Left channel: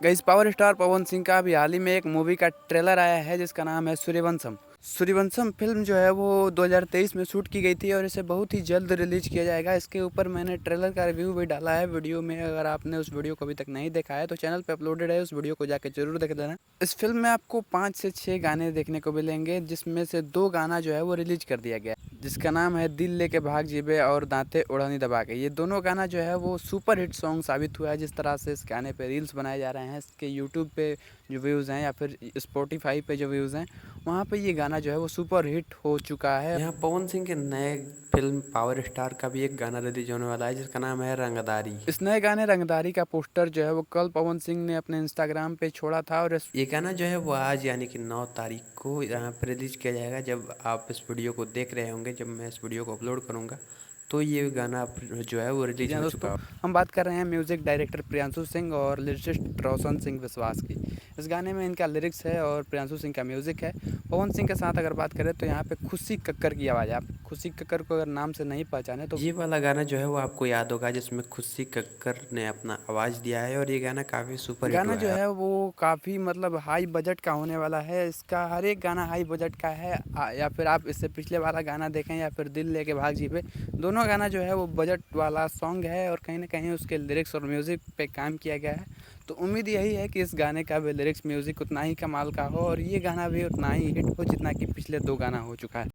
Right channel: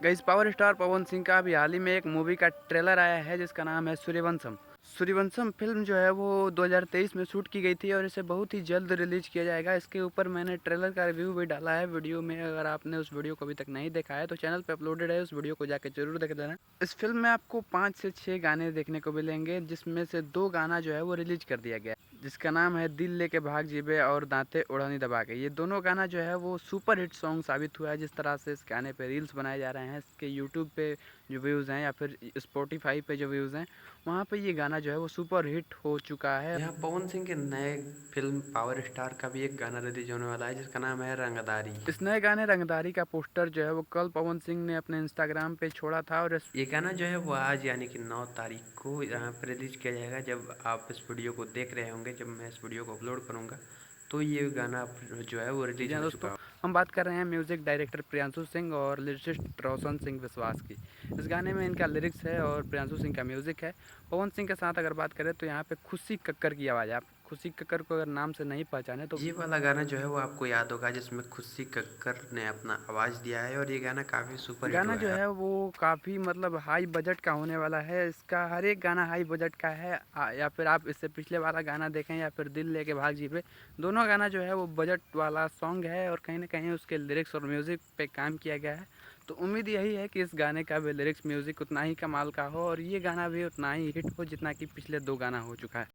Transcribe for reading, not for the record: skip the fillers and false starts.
Guys, power star Pawan Singh का अभी हाल ही में एक मूवी का ट्रेलर आया है जिसका नाम है सूर्यवंशम। सूर्यवंशम फिल्म जो है वो 2023 में शूट की गई थी और इसे बहुत ही जल्द रिलीज किया जाएगा। इसके ऊपर मैंने ट्रेलर का रिव्यू भी डाला है वीडियो में। अगर आपने उस वीडियो को अभी तक नहीं देखा है तो चैनल पे अपलोडेड है, उस वीडियो को जाके जरूर देख लेना। इस फिल्म में आपको 5 से 6 गाने देखने को मिलेंगे, जिसमें से 2 गाना जो है वो रिलीज कर दिया गया, जिसका नाम है दिल लेके भाग जीबे और दांते उड़ानी दबा के। ये दोनों गाना जो है वो सुपर हिट सॉन्ग साबित हुआ है। जिस तरह से इस गाने पे रील्स बनाए जा रहे हैं, इसके यूट्यूब पे जो व्यूज़ हैं या फिर स्पॉटिफाई पे जो व्यूज़ हैं, वहाँ पे ये गाना जो है वो सुपर हिट हो चुका है। यहाँ पवन सिंह के नए फिल्म पावर स्टार का भी एक गाना रिलीज होने वाला है जिसका नाम है रंगदारी। इस नए गाने रंगदारी का पोस्टर जो है वो कल पवन सिंह ने अपने इंस्टाग्राम पे छोड़ा था और ये गाना जो है वो आज यानी कि 9 तारीख को यहाँ पर रिलीज किया जाएगा। जब आप इस वीडियो को देख रहे होंगे, जब मैं इस वीडियो को अपलोड करूँगा तो ये गाना जो है वो रिलीज हो चुका है। हम बात कर रहे हैं म्यूजिक डायरेक्टर प्रियांशु सिंह और लिरिसिस्ट रोशन सिंह विश्वास की। इस गाने में इनका लिरिक्स है और प्रियांशु सिंह का म्यूजिक है। पवन सिंह के साथ अगर बात करें तो यहाँ पे खुशी कक्कर की आवाज़ है। आप खुशी कक्कर को अगर नाम से नहीं पहचाने तो ये वाला गाना जो है वो आपको याद होगा, जिसमें खुशी कक्कर ने अपना आवाज़ दिया है और ये गाना काफ़ी सुपर हिट हुआ है। गाना जो है वो काफ़ी मतलब हाई बजट का होने वाला है। इसका हर एक गाना हाई बजट का है। या फिर आप इससे पिछले वाला गाना देखें या फिर दिल लेके भाग जी पे, दोनों गाना जो है वो बजट वाला सॉन्ग है और कहीं ना कहीं उसके लिरिक्स और म्यूज़िक पे काम किया गया है। तो उम्मीद यही है कि इस गाने का भी लिरिक्स म्यूज़िक उतना ही कमाल का हो और ये गाना भी उतना ही हिट हो जितना कि पिछले 2 गाना हो चुका है।